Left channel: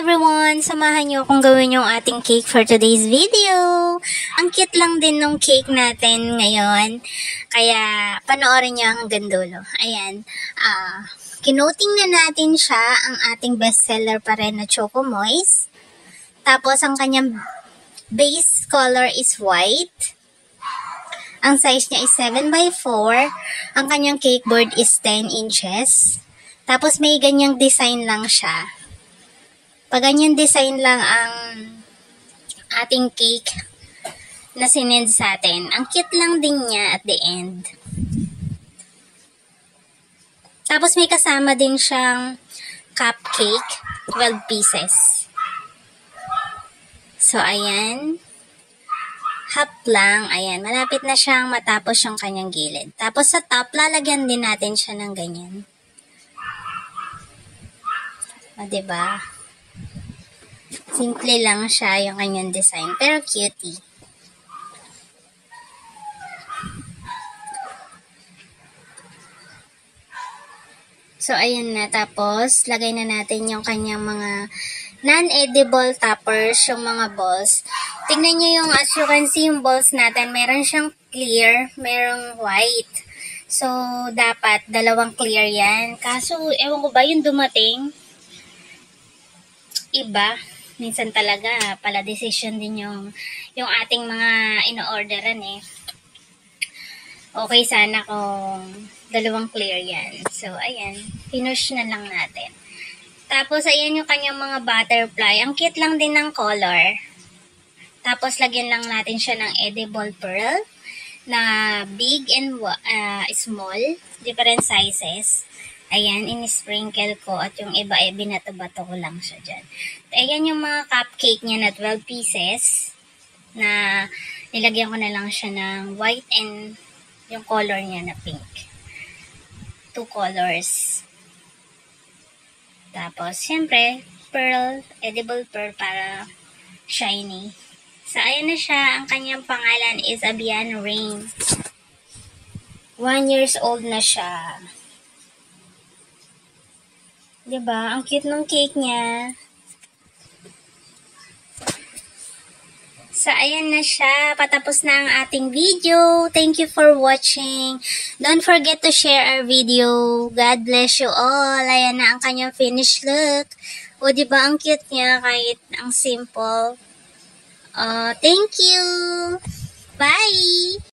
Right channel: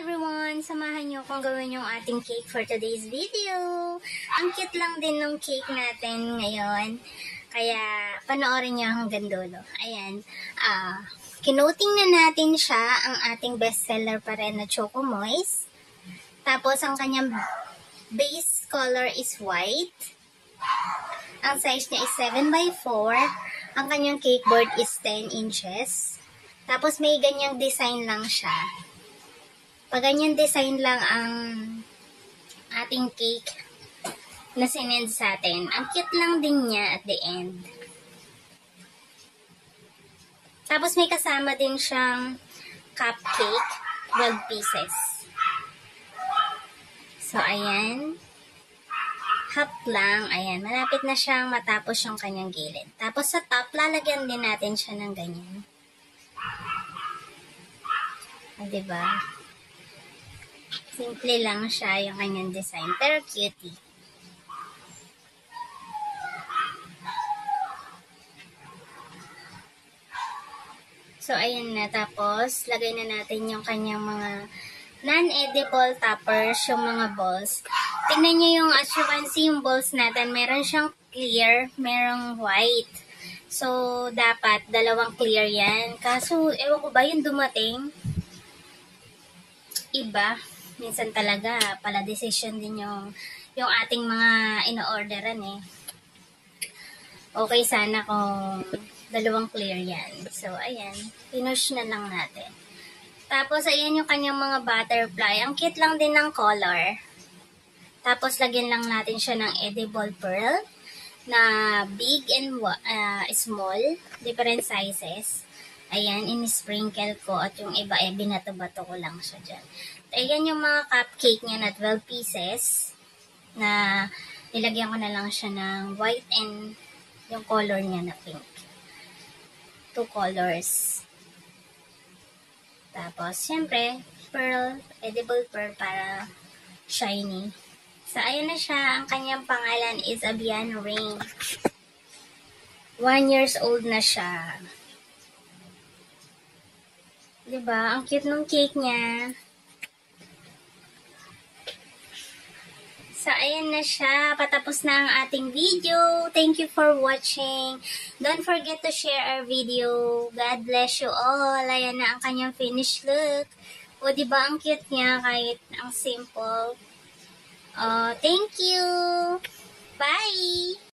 everyone! Samahan niyo akong gawin yung ating cake for today's video. Ang cute lang din ng cake natin ngayon. Kaya panoorin niyo hanggang dulo. Ayan. Kinoting na natin siya ang ating bestseller pa rin na Choco Moist. Tapos ang kanyang base color is white. Ang size niya is 7x4. Ang kanyang cake board is 10 inches. Tapos may ganyang design lang siya. Pag ganyan design lang ang ating cake na sinend sa atin. Ang cute lang din niya at the end. Tapos may kasama din siyang cupcake, 12 pieces. So, ayan. Half lang. Ayan. Malapit na siyang matapos yung kanyang gilid. Tapos sa top, lalagyan din natin siya ng ganyan. O, diba? Simple lang siya yung kanyang design. Pero cutie. So, ayan na. Tapos, lagay na natin yung kanyang mga non-edible toppers, yung mga balls. Tingnan nyo yung, as you can see, yung balls natin. Meron siyang clear, merong white. So, dapat dalawang clear yan. Kaso, ewan ko ba, yung dumating, iba. Minsan talaga, pala decision din yung ating mga ino-orderan eh. Okay sana kung dalawang clear yan. So, ayan. Pinush na lang natin. Tapos, ayan yung kanyang mga butterfly. Ang cute lang din ng color. Tapos, lagyan lang natin siya ng edible pearl na big and small. Different sizes. Ayan, in-sprinkle ko at yung iba ay binato-bato ko lang siya dyan. Ayan yung mga cupcake niya na 12 pieces na nilagyan ko na lang siya ng white and yung color niya na pink. 2 colors. Tapos, syempre, pearl, edible pearl para shiny. So, ayan na siya. Ang kanyang pangalan is Abian Rain. 1 years old na siya. Diba? Ang cute ng cake niya. So, ayan na siya. Patapos na ang ating video. Thank you for watching. Don't forget to share our video. God bless you all. Ayan na ang kanyang finished look. O, diba? Ang cute niya kahit ang simple. Thank you. Bye!